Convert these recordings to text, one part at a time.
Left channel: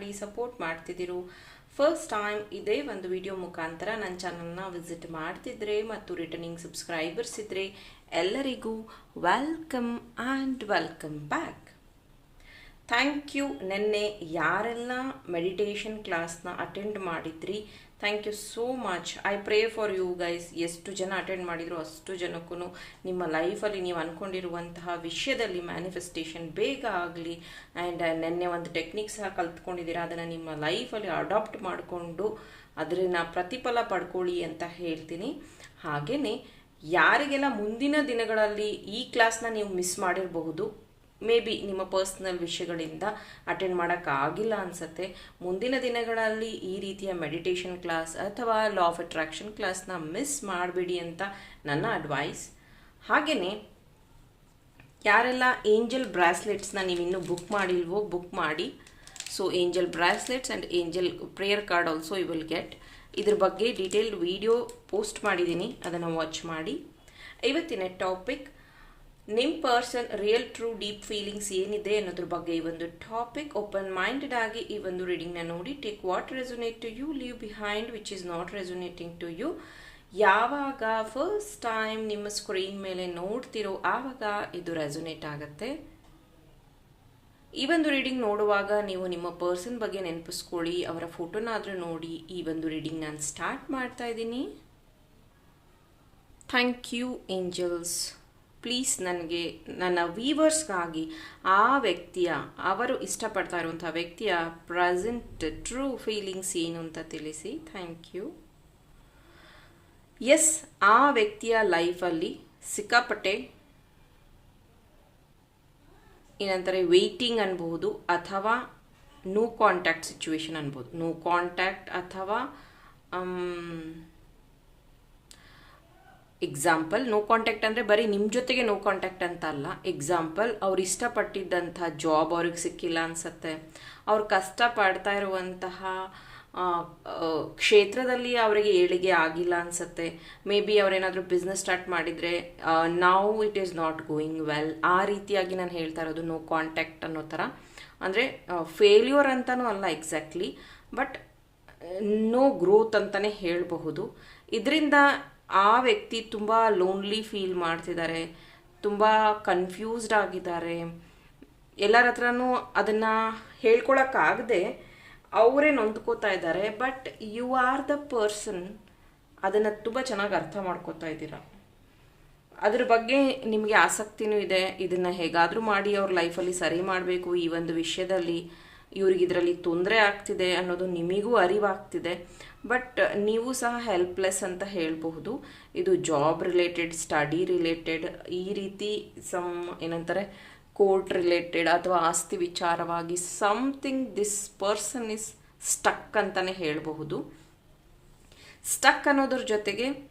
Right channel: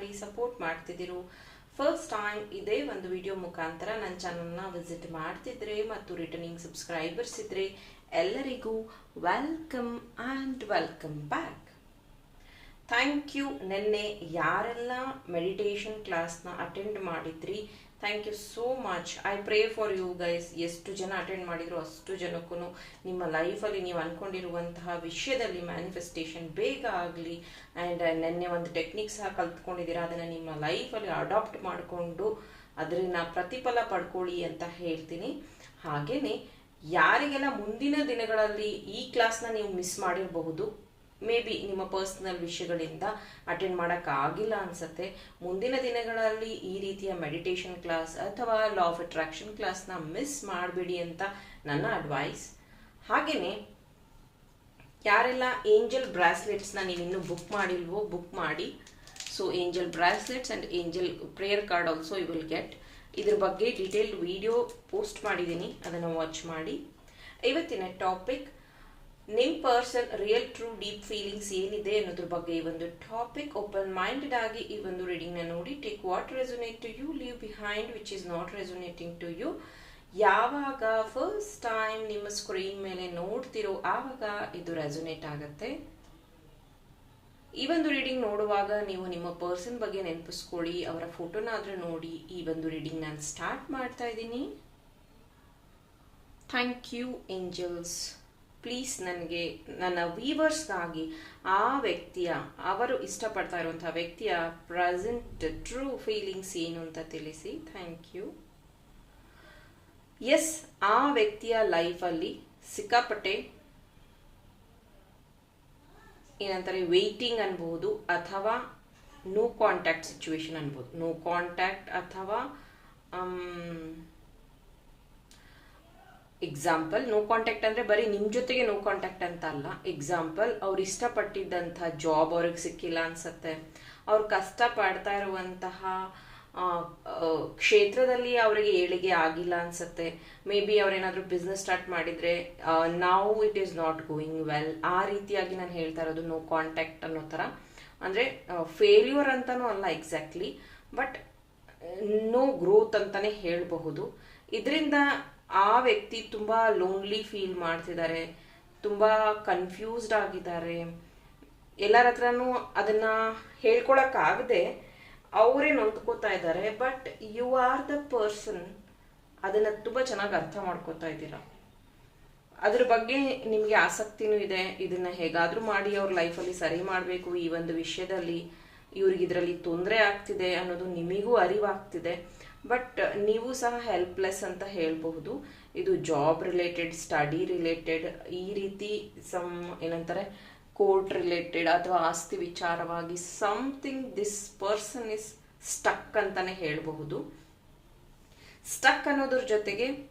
ಮಾಡಿ support ಮಾಡ್ತಿದ್ದೀರೋ first time ಇದೇ ಒಂದು ವಿಡಿಯೋ ಮುಖಾಂತರ ನನ್ನ ಚಾನಲ್ನ ವಿಸಿಟ್ ಮಾಡ್ತಿದ್ರೆ ಮತ್ತು ರಿಟರ್ನಿಂಗ್ ಸಬ್ಸ್ಕ್ರೈಬರ್ಸ್ ಇದ್ರೆ ಎಲ್ಲರಿಗೂ welcome and welcome back thank you ನಿನ್ನೆ ಯಾರೆಲ್ಲ ಮೆಡಿಟೇಷನ್ ಕ್ಲಾಸ್ನ ಅಟೆಂಡ್ ಮಾಡಿದ್ರಿ thank you so much I pray for you guys ಎಷ್ಟು ಜನ ಅಟೆಂಡ್ ಮಾಡಿದ್ರು ಅಷ್ಟು ಜನಕ್ಕೂ ನಿಮ್ಮ ಲೈಫಲ್ಲಿ ನೀವು ಅಂದ್ಕೊಂಡಿರುವಂತಹ ವಿಷಯದಲ್ಲಿ ಮ್ಯಾನಿಫೆಸ್ಟೇಷನ್ ಬೇಗ ಆಗಲಿ. ಆ್ಯಂಡ್ ನೆನ್ನೆ ಒಂದು ಟೆಕ್ನಿಕ್ ಸಹ ಕಲ್ತ್ಕೊಂಡಿದ್ದೀರಾ. ಅದನ್ನು ನಿಮ್ಮ ಲೈಫಲ್ಲಿ ಅಡಾಪ್ಟ್ ಮಾಡಿಕೊಂಡು ಅದರಿಂದ ಪ್ರತಿಫಲ ಪಡ್ಕೊಳ್ಳಿ ಅಂತ ಹೇಳ್ತೀನಿ. ಹಾಗೆಯೇ ಯಾರಿಗೆಲ್ಲ ಮುಂದಿನ ದಿನಗಳಲ್ಲಿ ಈ ಕ್ಲಾಸ್ನ ನೀವು ಮಿಸ್ ಮಾಡಿರಬಹುದು ಮೇ ಬಿ ನಿಮ್ಮ ಪರ್ಸ್ನಲ್ ವಿಷಯಗಳಿಂದ ಅಟೆಂಡ್ ಮಾಡೋಕ್ಕಾಗಿಲ್ಲ ಅನ್ಸುತ್ತೆ. ಮುಂದಿನ ದಿನಗಳಲ್ಲಿ ಈ ರೀತಿಯ ಮೆಡಿಟೇಷನ್ ಕ್ಲಾಸ್ ಅಥವಾ ಲಾ ಆಫ್ ಅಟ್ರಾಕ್ಷನ್ ಕ್ಲಾಸ್ನ ಮಿಸ್ ಮಾಡಬೇಡಿ ಅಂತ ನನ್ನ ಅಡ್ವೈಸ್ ಹಾಗೆಯೇ ಯಾರೆಲ್ಲ ಏಂಜಲ್ ಬ್ರಾಸ್ಲೆಟ್ಸ್ನ ನೀವು ಇನ್ನೂ ಬುಕ್ ಮಾಡಿಲ್ವೋ ಬುಕ್ ಮಾಡಿ. So angel bracelets and angel prayer card also you will get ಇದ್ರ ಬಗ್ಗೆ ಡೀಟೇಲ್ಡ್ ವಿಡಿಯೋ ಪೋಸ್ಟ್ ಮಾಡಿದ್ದೀನಿ. ಅದನ್ನು ವಾಚ್ ಮಾಡಿ. ಇವತ್ತಿನ ಟಾಪಿಕ್ ನಿಮ್ಮ person real true deep feelings ಏನಿದೆ ಅನ್ನೋದ್ರ ಬಗ್ಗೆ ಈ ಒಂದು ಟಾಪಿಕ್ ಓಪನ್ ಮೈಂಡೆಡ್ ಆಗಿ ಈ ಒಂದು ರೀಡಿಂಗ್ನ ನೋಡಿ take what resonate to you, leave behind, which is not resonating to you. ಯಾವಾಗ ಫಸ್ಟ್ ಟೈಮ್ ನಿಮ್ಮ ಸ್ಕ್ರೀನ್ ಮೇಲೆ ನೋಡ್ತಿರೋ ಆವಾಗ ಇದು ರೆಸೊನೇಟ್ ಆಗುತ್ತೆ. ಈ ಒಂದು ರೀಡಿಂಗ್ ನೋಡುವಾಗ ನೀವು ನಿಮ್ಮ ಪರ್ಸನ್ ಬಗ್ಗೆ ನೆನಪಿಸ್ಕೊಳ್ಳಿ, ಅವರ ಫೋಟೋನಾದರೂ ನೋಡಿ ಈ ಒಂದು ರೀಡಿಂಗ್ ನಾನು ಸ್ಟಾರ್ಟ್ ಮಾಡ್ತಾ ಇದ್ದೀನಿ. Thank you, angels. ಪ್ಲೀಸ್ ನನಗೆ, ನನ್ನ ವೀವರ್ಸ್ಗಾಗಿ ಆ ವ್ಯಕ್ತಿಯ, ಅವರು ಇಷ್ಟಪಡ್ತಾ ಇರುವಂಥ ವ್ಯಕ್ತಿಯ ಪ್ರೆಸೆಂಟ್ ಟ್ರೂ ಫೀಲಿಂಗ್ಸ್ ಏನು ಅಂತ ತಿಳಿಸಿ. ಥ್ಯಾಂಕ್ ಯು ಎಸ್ ಆ ವ್ಯಕ್ತಿಯ ಲೈಫಲ್ಲಿ ಸಿಕ್ಕಾಪಟ್ಟೆ ಏನಂತಾರೆ ವೆಯ್ಟಿಂಗ್ ಅನ್ಬೋದು ಅಥವಾ ನೋ ಕಾಂಟ್ಯಾಕ್ಟ್ ಸಿಚುವೇಶನ್ ಅನ್ಬೋದು ನೋ ಕಾಂಟ್ಯಾಕ್ಟ್ ಅಥವಾ ಎಕ್ಸಾಂಪಲ್ ನೋ ಕಾಂಟ್ಯಾಕ್ಟ್ ಅಂದರೆ ಬರೀ ನಿಮ್ಮ ಜೊತೆಗೆ ನೋ ಕಾಂಟ್ಯಾಕ್ಟ್ ಅಂತ ಅಲ್ಲ. ಎಕ್ಸಾಂಪಲ್ ಅವ್ರು ಇಷ್ಟಪಟ್ಟಿದ್ದಂಥ ಜಾಬ್ ಅವ್ರಿಗೆ ಸಿಕ್ಕಿಲ್ಲ ಅನ್ಸತ್ತೆ. ಅವ್ರು ಕಷ್ಟ ಪಡ್ತಾ ಇರುವಂತಹ ಕ್ಷೇತ್ರದಲ್ಲಿ ಅವರಿಗೆ ಏಳಿಗೆ ಆಗಿಲ್ಲ ಅನ್ಸತ್ತೆ. ಮೇ ಬಿ ಅವರೇನಾದರೂ ಬಿಸ್ನೆಸ್ ಸ್ಟಾರ್ಟ್ ಮಾಡಿದರೆ ನಾವು it is not going well ಆ ರೀತಿಯಾಗಿ ನಾನು ಹೇಳ್ತಾ ಇರೋದು ನೋ ಕಾಂಟ್ಯಾಕ್ಟ್ ಅನ್ನೋ ಥರ. ಅಂದರೆ ಫೇಲ್ಯೂರ್ ಅಂತಲೂ ಅಲ್ಲ ಎಕ್ಸಾಕ್ಟ್ಲಿ ಬಟ್ ನೋ ಗ್ರೋತ್ ಅಂತಲೇ ಹೇಳಬಹುದು. ಇದರಿಂದ ಆ ವ್ಯಕ್ತಿ ತುಂಬ ಲೋನ್ಲಿ ಫೀಲ್ ಮಾಡ್ತಿದ್ದಾರೆ ತುಂಬ ಕನ್ಫ್ಯೂಸ್ಡ್ ಆಗಿದ್ದಾರೆ. ಎಲ್ಲರ ಹತ್ರನೂ ಅದನ್ನು ಹೇಳ್ಕೊಳಕ್ಕಾಗದೆ ಅವರೇ ನೊಂದ್ಕೋತಾ ಇದ್ದಾರೆ. But you are the person ಅದನ್ನು ತುಂಬ ಚೆನ್ನಾಗಿ ಅರ್ಥ ಮಾಡ್ಕೋತಾ ಇದ್ದೀರಾ? ಅದ್ರ ಬಗ್ಗೆ ನಿಮಗೆ ಆಸಕ್ತಿನೂ ಇದೆ. ಇದನ್ನು ಹೇಗಾದರೂ ಮಾಡಿ ಅವ್ರ ಲೈಫಲ್ಲಿ ಸರಿ ಮಾಡಬೇಕು ಈ ಒಂದು ವಿಷಯದಲ್ಲಿ. ಇವ್ರಿಗೆ ಇದರಲ್ಲಿ ತೊಂದರೆ ಆಗ್ತಿದೆ ಅನ್ನೋದು ನಿಮಗೂ ಅರಿವಾಗ್ತಿದೆ. ಬಟ್ ನೀವು ಸಹ ಹೆಲ್ಪ್ಲೆಸ್ ಅಂತ ಹೇಳಬಹುದು. ಇದು ಜಾಬ್ ರಿಲೇಟೆಡ್ ಸ್ಟಡಿ ರಿಲೇಟೆಡ್ ಈ ರೀತಿ ಸಮ್ ಏನಂತಾರೆ ಕೋರ್ಟ್ ರಿಲೇಟೆಡ್ ಅಥವಾ ಆಸ್ತಿ ವಿಚಾರವಾಗಿ something this person is stuck ಅಂತಲೇ ಹೇಳಬಹುದು. ಸ್ಟಕ್ ಅನ್ನೋದ್ರ ಜೊತೆಗೆ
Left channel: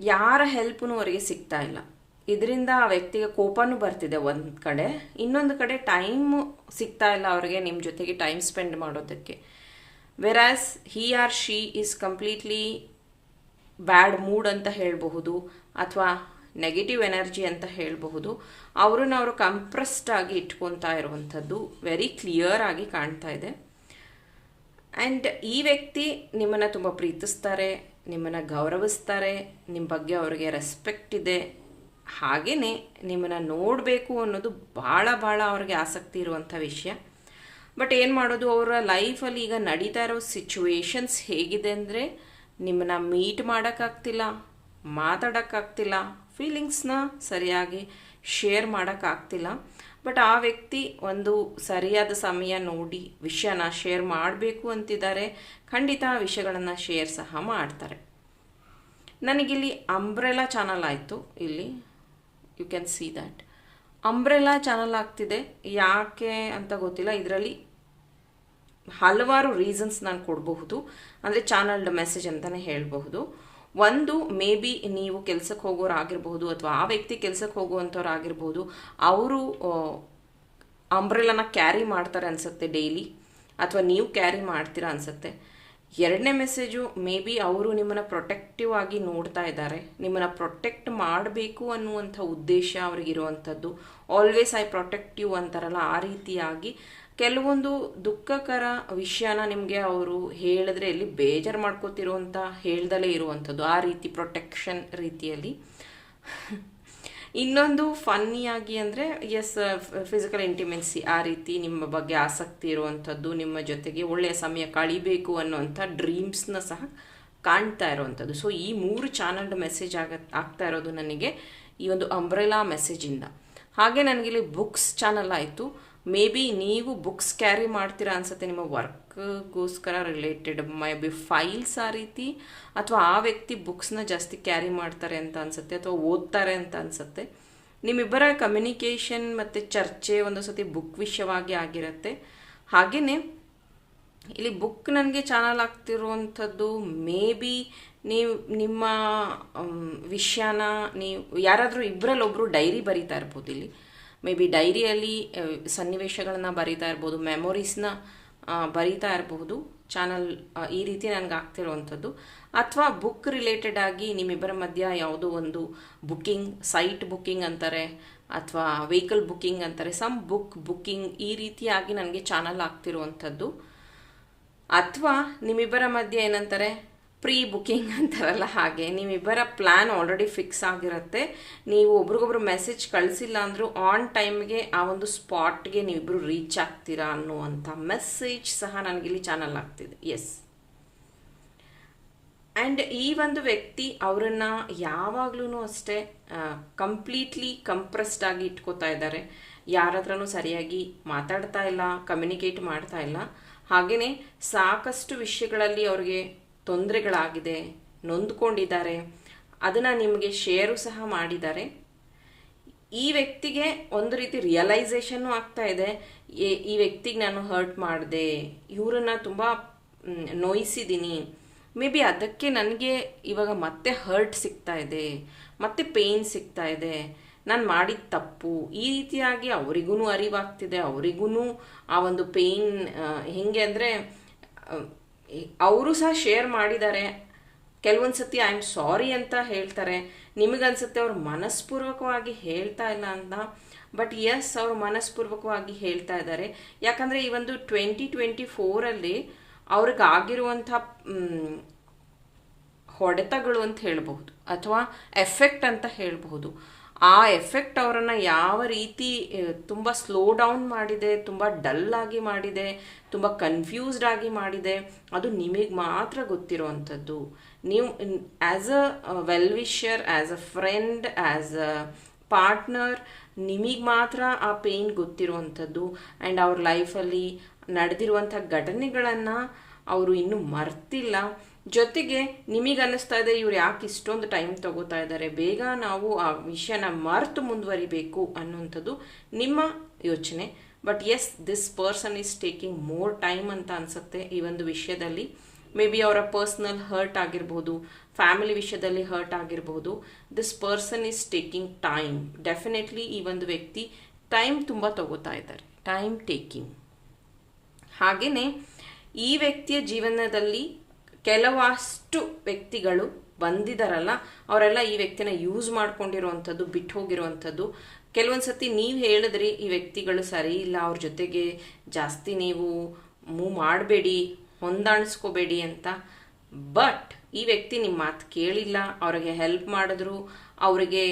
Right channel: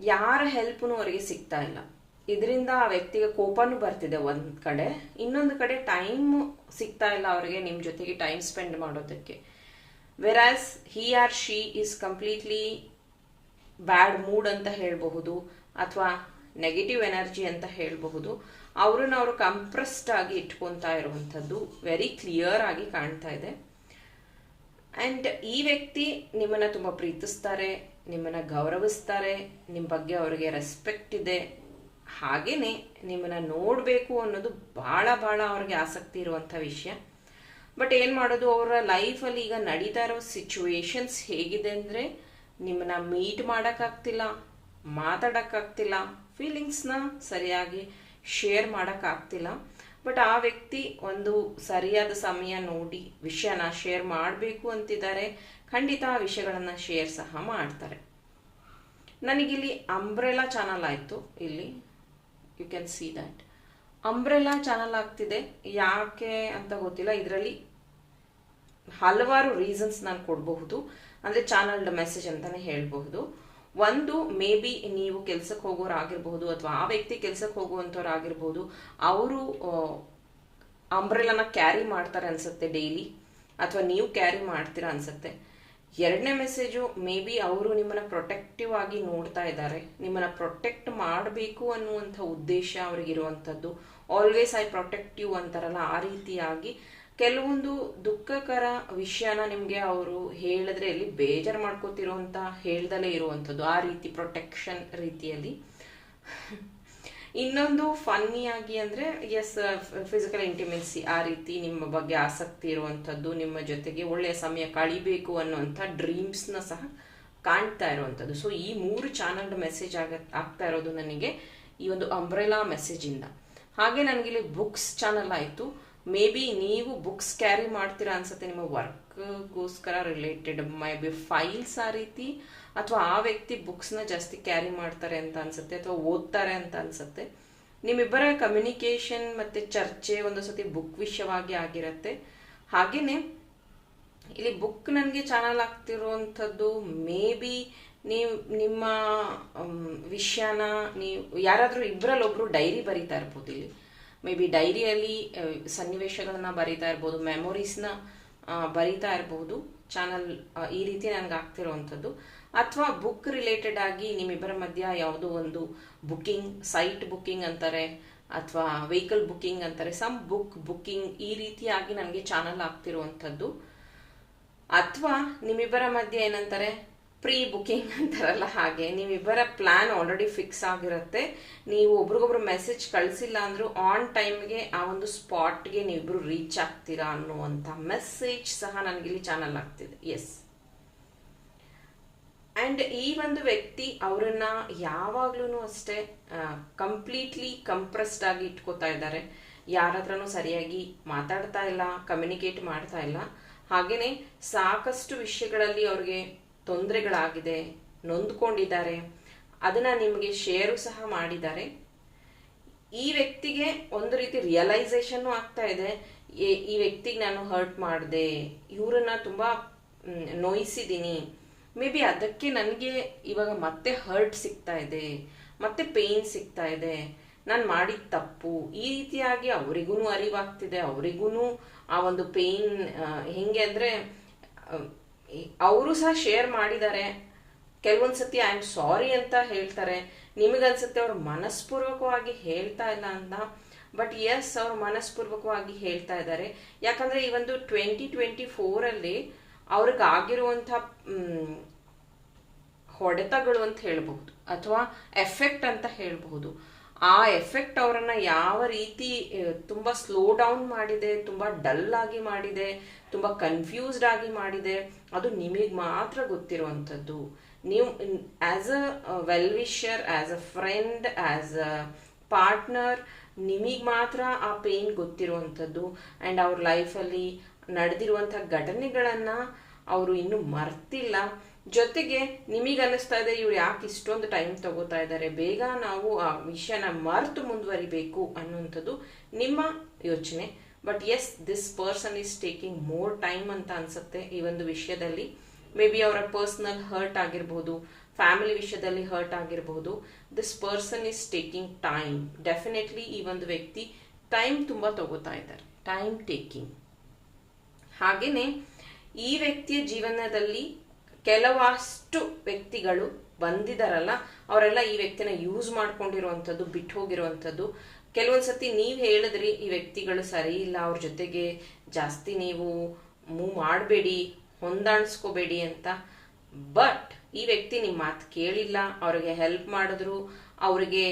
ಯಾರ ಹೆಲ್ಪ್ನೂ ಅವರಿಗೆ ಸಿಗ್ತಾ ಇಲ್ಲ. ಇದರಿಂದ ಆ ವ್ಯಕ್ತಿಗೆ ಕೋಪನೂ ಬರ್ತಿದೆ ಒಂದು ಕಡೆ. ಇನ್ನೊಂದು ಕಡೆ ಟೈಮ್ ಸಿಗ್ತಾ ಇಲ್ಲ ಅವರಿಗೆ ನಿಮ್ಮ ಜೊತೆಗೆ ಟೈಮ್ ಸ್ಪೆಂಡ್ ಮಾಡೋದಕ್ಕೆ. Whereas he or she is completely bad mood ಅಂತ ಹೇಳಬಹುದು, ಅಥವಾ ನೆಗೆಟಿವ್ ಎನರ್ಜಿ ಅಂತ ಹೇಳಬಹುದು, ಅವ್ರನ್ನ ಅವರು ಕಂಪ್ರೆಸ್ಡ್ ಆಗಿ ಇಟ್ಕೊತಾ ಇರುವಂಥದ್ದು ವೆರಿ ಕ್ಲಿಯರ್ ಆಗಿ ಕಾಣ್ತಾ ಇದೆ. ಆ್ಯಂಡ್ ಈ ವ್ಯಕ್ತಿ ನಿಮ್ಮನ್ನು ತುಂಬ ಪ್ರೀತಿಸ್ತಾರೆ, ನಿಮ್ಮನ್ನು ಗೌರವಿಸ್ತಾರೆ ನಿಮ್ಮ ಬಗ್ಗೆ ಅವರಿಗೆ ರೆಸ್ಪೆಕ್ಟ್ ಇದೆ ಹಾಗೆಯೇ ನಿಮ್ಮನ್ನು ನೋಡಬೇಕು ಅನ್ನೋದು ಭಾಳ ಭಾಳ ಅವ್ರಿಗೆ ಆಸಕ್ತಿ ಇರುವಂಥ ವಿಷಯ. ಬಟ್ ಏನು ಮಾಡೋದು, ಅವರ ಲೈಫಲ್ಲಿ ಈಗ ನಡೀತಾ ಇರೋ ಸಿಚುವೇಶನ್ಸ್ ಹೇಗಿದೆ ಅಂದರೆ ನಿಮ್ಮನ್ನ ಮೀಟ್ ಮಾಡೋಕ್ಕಾಗ್ತಿಲ್ಲ, ಮಾತಾಡೋಕ್ಕಾಗ್ತಿಲ್ಲ ಫೀಲಿಂಗ್ಸ್ನ ಸರಿಯಾಗಿ ಶೇರ್ ಮಾಡೋಕ್ಕಾಗ್ತಿಲ್ಲ. ಬಟ್ ಆ ವ್ಯಕ್ತಿ ಒಂದು ಸರಿಯಾದ ಸಮಯ ನೋಡಿ ವಿಷಯನ ಶೇರ್ ಮಾಡಬೇಕು ಅಂತಿದ್ದಾರೆ, ಖಂಡಿತ ಆ ವಿಷಯಗಳನ್ನು ಶೇರ್ ಸಹ ಮಾಡ್ತಾರೆ. ನನಗಿಲ್ಲಿ ಅಂಬ್ರೆಲಾ ಚಾನಲ್ ಆಯಿತು ಇಲ್ಲಿ. You can see that umbrella channel ಆಗ್ತಿದೆ. ಯಾಕೆ ಅಂತ ಗೊತ್ತಿಲ್ಲ. ಇದರಲ್ಲಿ ಹಲವಾರು ರೀಸನ್ಸ್ ನಾನು ಕೊಡಬಹುದು. ಅಂದರೆ ಚಾನಲ್ಡ್ ಮೆಸೇಜ್ ಅಂತಲೇ ಹೇಳಬಹುದು. ಒಂದು ಮೇ ಬಿ ನೀವು ಕೆಲಸಕ್ಕೆ ಹೋಗೋರು ಅಥವಾ ಆ ವ್ಯಕ್ತಿ ಕೆಲಸಕ್ಕೆ ಹೋಗುವಂಥವ್ರು ಆಗಿರ್ಬೋದು ಅವರು ಅಂಬ್ರೆಲನ ಕ್ಯಾರಿ ಮಾಡ್ತಾರೆ ಅನಿಸುತ್ತೆ ಡೈಲಿ ಅಥವಾ ನೀವು ಕ್ಯಾರಿ ಮಾಡ್ತೀರಾ ಅನ್ಸುತ್ತೆ. ಎರಡನೇ ಮೆಸೇಜು ಮೇ ಬಿ ಅವರು ನಿಮ್ಮನ್ನು ಪ್ರೊಟೆಕ್ಟಿವ್ ಆಗಿ ನೋಡ್ತಾ ಇದ್ದಾರೆ. ನಿಮ್ಮನ್ನು ಪ್ರೊಟೆಕ್ಟ್ ಮಾಡಬೇಕು ಅನ್ನುವಂಥ ಉದ್ದೇಶ ಅವರಿಗಿರುವಂಥದ್ದು ಆಲ್ವೇಸ್ ಐ ಪ್ರೊಟೆಕ್ಟಿವ್ ಅಂತಾರಲ್ಲ, ಆ ರೀತಿಯಾಗಿ ಕೆಲವೊಂದು ದುಃಖಕರ ವಿಷಯನ ನಿಮಗೆ ಅವರು ಹೇಳಿದ್ರೆ ಇಲ್ಲಿ ಬೇಜಾರು ಮಾಡ್ಕೋತಿರುವಂಥ ಹೇಳ್ದಲೇ ಇರುವಂಥದ್ದು, ಆ ರೀತಿ ಪ್ರೊಟೆಕ್ಷನ್ ರೀತಿಯಲ್ಲಿ. ಇನ್ನೊಂದು ಫನ್ನಿಯಾಗಿ ಅಂದರೆ ಎಸ್ ಫಿಸಿಕಲ್ ಇಂಟಿಮೆನ್ಸಿ ಆ ರೀತಿ ನಿಮ್ಮ ಬಗ್ಗೆ ಆಸಕ್ತಿ ಇರುವಂಥದ್ದು, ನಿಮ್ಮ ಜೊತೆಗೆ ಒಳ್ಳೆಯ ಸಮಯ ಕಳಿಬೇಕು ಅನ್ನೋವಂಥ ಡ್ರೀಮ್ಸ್ನ ಸಹ ಕಾಣ್ತಾ ಇರುವಂಥದ್ದು. ಸೊ ಈ ಮೂರು ಚಾನಲ್ಡ್ ಮೆಸೇಜ್ ಆಗ, ಆಗ್ತಾ ಇರೋದು ನನಗೆ ಈ ಒಂದು ಅಂಬ್ರೆಲಾ ಮೆಸೇಜಿಂದ ಹಾಗೆ ನನಗಿಲ್ಲಿ ಬುಕ್ಸ್ ಚಾನಲ್ ಆಯಿತು. ಮೇ ಬಿ ನೀವು ಬುಕ್ಸ್ ಕ್ಯಾರಿ ಮಾಡ್ತೀರಾ ಅನ್ಸುತ್ತೆ, ನಿಮ್ಮ ವರ್ಕ್ಗೋಸ್ಕರ ರಿಲೇಟೆಡ್ ಮೇ ಬಿ ಫೈಲ್ಸ್ ಆ ರೀತಿ ಅಥವಾ ಆ ವ್ಯಕ್ತಿ ಬುಕ್ಸ್ನ ಜಾಸ್ತಿ ಕ್ಯಾರಿ ಮಾಡ್ತಾರೆ ಅಂತ ಅನ್ಸುತ್ತೆ ಅಥವಾ ಓದ್ತಾರೆ ಅಂತ ಅನ್ಸುತ್ತೆ, ನಿಮ್ಮಿಬ್ಬರ ಕಮ್ಯುನಿಕೇಷನ್ ಮತ್ತು ಚರ್ಚೆ ಒಂದು ಸತಿ ಬುಕ್ ವಿಷಯವಾಗಿ ಆಗಿರುತ್ತೆ. ಹಾಗೆಯೇ ಇಲ್ಲಿ ಬುಕ್ ನನಗೆ ಚಾನಲ್ ಆಗ್ತಿರುವಂಥದ್ದು ಮೇ ಬಿ ನೀವು ನಿಮ್ಮ ವಿಷಯನ ನೀವು ಯಾರಾದರೂ ಇಬ್ಬರಲ್ಲೊಬ್ಬರು ಡೈರಿ ಬರೀತಾ ಇರ್ಬೋದು ಇಲ್ಲಿ. ಮೇ ಬಿ ಡೈರಿಯಲ್ಲಿ ಸನ್ನಿವೇಶಗಳನ್ನ ಬರೀತಾ ಇರ್ಬೋದು ಮೆಮೊರೀಸ್ನ ಬರೀತಾ ಇರಬಹುದು. ಚಾನಲ್ ಈ ರೀತಿ ನನಗೆ ಆಗ್ತಿರುವಂಥದ್ದು. ಅಥವಾ ಬುಕ್ ರಿಲೇಟೆಡ್ ಆಗಿ ನಿಮ್ಮಿಬ್ಬರ ಮಧ್ಯ ಯಾವುದೋ ಒಂದು ಬುಕ್ಕಿಂಗ್ ಸೈಟ್ ಬುಕ್ಕಿಂಗ್ ಅಂತಾರೆ, ಅಥವಾ ವೆಹಿಕಲ್ ಬುಕ್ಕಿಂಗ್ ಅಂತಾರೆ ಸಮ್ ಬುಕ್ ಬುಕ್ಕಿಂಗ್ ಈ ರೀತಿಯಾಗಿ ನನಗೆ ಚಾನಲ್ ಆಗ್ತಿರುವಂಥದ್ದು. ಅಥವಾ ನಿಮ್ಮಿಬ್ಬರ ಮಧ್ಯೆ ಏನಂತಾರೆ? ಪ್ರೀ ಬುಕ್ಕಿಂಗ್ ಅಂತಾರಲ್ಲ ಹಾಗೆ, ನೀವಿಬ್ಬರ ಪ್ಲ್ಯಾನ್ ಆಲ್ರೆಡಿ ಫಿಕ್ಸ್ ಆಗಿರುತ್ತೆ. ನೀವು ಒಬ್ರಿಗೊಬ್ರು ಮೆಸೇಜ್ ಕಳಿಸಿಲ್ಲ ಅಂದರೂ ಆನ್ ಟೈಮ್ಗೆ ಆ ಒಂದು ಸ್ಪಾಟ್ಗೆ ನೀವಿಬ್ಬರು ರೀಚ್ ಆಗ್ತೀರಾ ಅನ್ನುವಂಥ ಮೆಸೇಜ್ ಸಹ ನನಗೆ ಇಲ್ಲಿ ಚಾನಲ್ ಆಗ್ತಿದೆ. ಎಸ್ ಆ್ಯಂಡ್ ಈ ಒಂದು ವ್ಯಕ್ತಿ ಅವರನ್ನು ಯಾವಾಗಲೂ ಅಷ್ಟೇ ಕಂಪ್ಲೀಟ್ಲಿ ಕಂಪ್ರೆಸ್ಡ್ ಆಗಿ ಇಟ್ಕೋತಾ ಇದ್ದಾರೆ. ಯಾರ ಹತ್ರನೂ ಸರಿಯಾಗಿ ಮಾತಾಡ್ತಾ ಇಲ್ಲ ಕಮ್ಯುನಿಕೇಟ್ ಮಾಡ್ತಾ ಇಲ್ಲ. ಹಾಗೆಯೇ ಸಾಕಷ್ಟು ವಿಷಯಗಳಲ್ಲಿ ಅವ್ರಿಗೆ ತೊಂದರೆಗಳಾಗಿದೆ, ನೊಂದ್ಕೊಂಡಿದ್ದಾರೆ, ಅದನ್ನ ನಿಮಗೆ ಶೇರು ಸಹ ಮಾಡಿದ್ದಾರೆ. ಈ ವ್ಯಕ್ತಿಗೆ ಒಂದು ರೀತಿ ರಿಯಲೈಸೇಷನ್ ಆಗ್ತಾ ಇದೆ. ಈ ವ್ಯಕ್ತಿಗೆ ನಾನು ಹರ್ಟ್ ಮಾಡಿದೆ, ಇವರನ್ನ ತುಂಬ ನೋಯಿಸಿದ್ದೀನಿ ಮೇ ಬಿ ಅದಕ್ಕೆ ನನಗೆ ಇವಾಗ ಮತ್ತೆ ಹರ್ಟ್ ಸಿಗ್ತಾ ಇದೆ, ಮತ್ತೆ ಪೇಯ್ನ್ ಸಿಗ್ತಾ ಇದೆ. ನಾನು ಮಾಡಿದ ತಪ್ಪು. ಈ ರೀತಿಯಾಗಿ ಅವರಿಗೂ ಅರಿವಾಗ್ತಿದೆ ಅವರಿಗೂ ಆ ಒಂದು ಪೇಯ್ನ್ ಹೆಂಗೆ ಅಂದರೆ ಅವರು ಸಹ ಶೇರ್ ಮಾಡಿದ್ದಾರೆ. ಕೆಲವೊಂದು ಸತಿ ಐ ಆಮ್ ಸಾರಿ ಅಂತ ಹೇಳ್ತಾರೆ. ನಿಮಗನ್ಸುತ್ತೆ, ಅವ್ರು ಮನಸ್ಪೂರ್ವಕವಾಗಿ ಹೇಳ್ತಾ ಇಲ್ಲ ಅಂತ. ಬಟ್ ಎಸ್ ಅವರು ಮನಸ್ಪೂರ್ವಕವಾಗಿ ಹೇಳ್ತಾ ಇದ್ದಾರೆ. ಯಾಕಂದರೆ, ಈ ಒಂದು ಟ್ವೆಂಟಿ ಟ್ವೆಂಟಿ ಫೋರಲ್ಲಿ ಅವ್ರಿಗಾಗಿರುವಂಥ ಹೊಡೆತಗಳು ಅಂತ ಹೇಳಬಹುದು. ಅಥವಾ ಎಫೆಕ್ಟ್ ಅಂತ ಹೇಳಬಹುದು. ಆ ಎಫೆಕ್ಟ್ ಅವರನ್ನು ಯಾವ ರೀತಿ ತುಂಬ ಸ್ಲೋ ಡೌನ್ ಮಾಡಿದೆ, ತುಂಬ ಡಲ್ ಆಗಿ ಮಾಡಿದೆ, ತುಂಬ ಕನ್ಫ್ಯೂಸ್ಡ್ ಆಗಿ ಮಾಡಿದೆ, ಅದು ನಿಮಗೆ ಮಾತ್ರ ಗೊತ್ತಿರುವಂಥದ್ದು. ನೀವು as a well wisher as a friend as a partner ನಿಮಗೆ ಮಾತ್ರ ಆ ಪೇಯ್ನ್ ಗೊತ್ತಿರುವಂಥದ್ದು. ಆ್ಯಂಡ್ ಅವ್ರ ಲೈಫಲ್ಲಿ ನಡೆದಿರುವಂಥ ಘಟನೆಗಳನ್ನು ಅವರು ಇನ್ನೂ ಮರ್ತಿಲ್ಲ. ಜೊತೆಗೆ ನಿಮಗೆ ಅನ್ನಿಸ್ತಾ ಇದೆ, ಇವ್ರು ಯಾಕೆ ಇಷ್ಟೊಂದು ಟೈಮ್ ತಗೋತಾ ಇದ್ದಾರೆ ಬೇಗ ನಾವು ಆ ವಿಷಯನ ಮರೆತು ಮುಂದುವರಿಬೇಕು ಅನ್ನುವಂಥದ್ದು ನಿಮ್ಮ ಯೋಚನೆ. But as this person is taking more time ಅಂತ ಅನ್ಸುತ್ತೆ ಈ ಒಂದು ವಿಷಯದಲ್ಲಿ. ಮೇ ಬಿ ಅವರ ಪರ್ಸನಲ್ ಹರ್ಟ್ ಆಗಿರ್ಬೋದು ಫ್ಯಾಮಿಲಿ ವಿಷಯದಲ್ಲಿ ಹರ್ಟ್ ಆಗಿರಬಹುದು this person is taking time definitely ಈ ಒಂದು ವ್ಯಕ್ತಿ ಟೈಮ್ ತುಂಬ ತಗೋತಾ ಇದ್ದಾರೆ. ಟೈಮ್ ಟೇಕಿಂಗ್ ಹಾಗೆಯೇ ಈ ವ್ಯಕ್ತಿಯ ಜೀವನದಲ್ಲಿ ಕೆಲವಷ್ಟು ವ್ಯಕ್ತಿಗಳು ಬಂದಿದಾರಲ್ಲ, ಅವರೆಲ್ಲ ಈ ವ್ಯಕ್ತಿನ ಯೂಸ್ ಮಾಡ್ಕೊಂಡಿರುವಂಥದ್ದು, ಬಿಟ್ಟು ಹೋಗಿರುವಂಥದ್ದು. ಕೆಲವೊಂದು ಸತಿ ನೀವು ಹೇಳಿದ್ರಿ, ಈ ವ್ಯಕ್ತಿಗಳು ಸರಿ ಇಲ್ಲ, ಅವ್ರ ಜೊತೆಗೆ ಜಾಸ್ತಿ ನೀವು ಮೂವ್ ಮಾಡಬೇಡಿ, ಹೊಂದಾಣಿಸ್ಕೋಬೇಡಿ ಅಂತ. ಬಟ್ ಈ ವ್ಯಕ್ತಿ ನಿಮ್ಮ ಮಾತು ಕೇಳಿಲ್ಲ, ಅವ್ರಿಗೆ ಹೆಲ್ಪ್ ಮಾಡಿದ್ರು, ಅವರಿಗೆ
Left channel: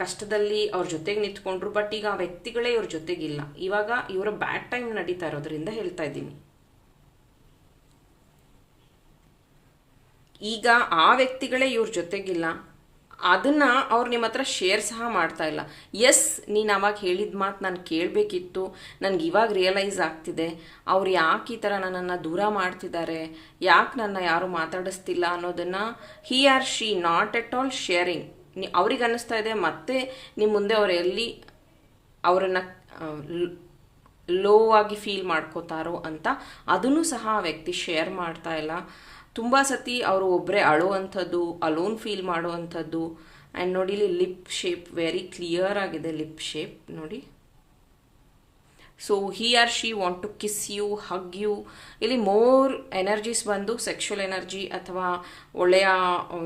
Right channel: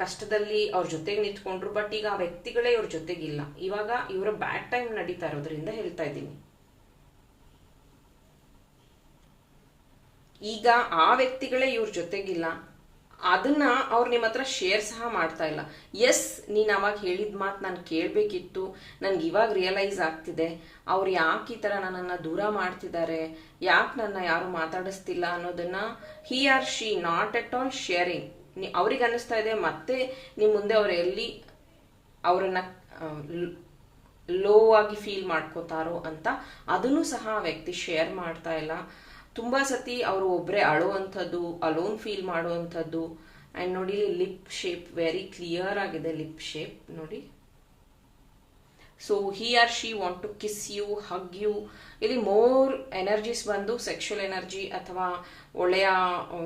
ಕಷ್ಟದಲ್ಲಿ ಅವ್ರ ಜೊತೆಗೆ ನಿಂತ್ಕೊಂಡ್ರು ಬಟ್ ಈಗ ಆ ವ್ಯಕ್ತಿಗಳೇ ಇವ್ರ ಜೊತೆಗಿಲ್ಲ. ಇವಾಗ ಇವರ ಬ್ಯಾಡ್ ಟೈಮ್ ನಡೀತಾ ಇರೋದ್ರಿಂದ ಹೇಳ್ತಾ ಇದ್ದೀನಿ. ಈಗ ಆ ವ್ಯಕ್ತಿಗಳೇ ಇವ್ರ ಜೊತೆಗಿಲ್ಲ. ಅದನ್ನ ಅವ್ರು ನಿಮ್ಮ ಹತ್ರ ಶೇರ್ ಸಹ ಮಾಡ್ತಾ ಇಲ್ಲ. ಎಸ್, ನೀನು ಅವಾಗ ಹೇಳಿದ ಮಾತು ನಾನು ಕೇಳಬೇಕಿತ್ತು. ನನಗೆ ಇವಾಗ ರಿಯಲೈಸ್ ಆಗ್ತಿದೆ. ಅವ್ರು ಯಾಕೆ ಈ ಥರ ನನ್ನನ್ನು ದೂರ ಮಾಡ್ತಿದ್ದಾರೆ? ಯಾಕೆ ನನ್ನ ಯಾರು ಮಾತಾಡಿಸ್ತಿಲ್ಲ ಅನ್ನೋದನ್ನ he or she not at all sharing ಅವ್ರಿಗೆ ಅನ್ನಿಸ್ತಾ ಇದೆ, ಮತ್ತೆ ನಿಮ್ಮ ಮುಂದೆ ಅವ್ರು ಎಲ್ಲಿ ಅವರನ್ನು ಲೋ ಆಗಿ ಫೀಲ್ ಮಾಡ್ಕೋತಾರೋ ಅಂತ ಅದನ್ನು ಸಹ ಆ ವ್ಯಕ್ತಿ ಶೇರ್ ಮಾಡ್ತಾ ಇಲ್ಲ. ತುಂಬ ಸತಿ ಅವರು ಒಬ್ಬರೇ ಅಳುವಂಥದ್ದು ಅಲೋನ್ ಫೀಲ್ ಮಾಡುವಂಥದ್ದು. ಆ್ಯಂಡ್ ನೋಡಿ, ಇಲ್ಲಿ ಲಿಪ್ ಶೇಪ್ ವೆರಿ ಕ್ಲಿಯರ್ ಆಗಿದೆ ಲಿಪ್ ಶೇಪ್ ನೋಡಿ. So he or she want to kiss you hug you ಇಲ್ಲಿ ಮೋರ್ ಎನರ್ಜೀಸ್ ಬಂದು ಸೆಕ್ಷುವಲ್ ಎನರ್ಜಿ ಅಥವಾ ಒಳ್ಳೆಯ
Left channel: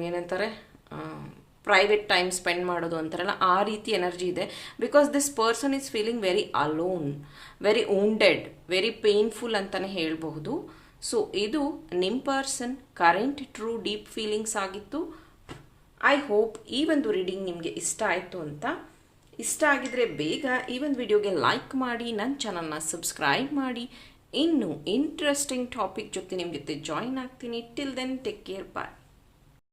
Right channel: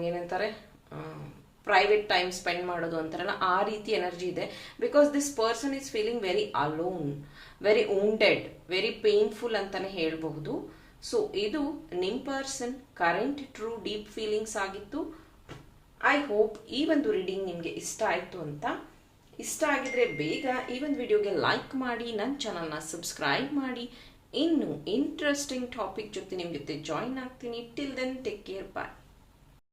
ಏನಂತಾರೆ ಪ್ರೈವೇಟ್ ಟೈಮ್ ಸ್ಪೆಂಡ್ ಮಾಡೋದು ಅಂತಾರಲ್ಲ, ಆ ರೀತಿ ಎನರ್ಜಿ ಇದೆ. Because this person is feeling very alone very wounded very painful ಅಂತಲೇ ಹೇಳಬಹುದು. ಸೊ ಇದು ನಿಮ್ಮ person current true deep feelings ಆಗಿತ್ತು. ಐ ಹೋಪ್ ಈ ಒಂದು ರೀಡಿಂಗ್ ನಿಮಗೆ ಇಷ್ಟ ಆಯಿತು ಅಂತ. ಇಷ್ಟ ಆಗಿದ್ರೆ ಬೇಗ ಈ ಒಂದು ವಿಡಿಯೋಗೆ ಲೈಕ್ ಮಾಡಿ ನನ್ನ ಚಾನಲ್ನ ಸಬ್ಸ್ಕ್ರೈಬ್ ಮಾಡಿ. ಇನ್ನು ಇಂಟ್ರೆಸ್ಟಿಂಗ್ ಟಾಪಿಕ್ ಜೊತೆ ನಿಮ್ಮ ಜೊತೆ ಜಾಯಿನ್ ಆಗ್ತೀನಿ. Till then take care bye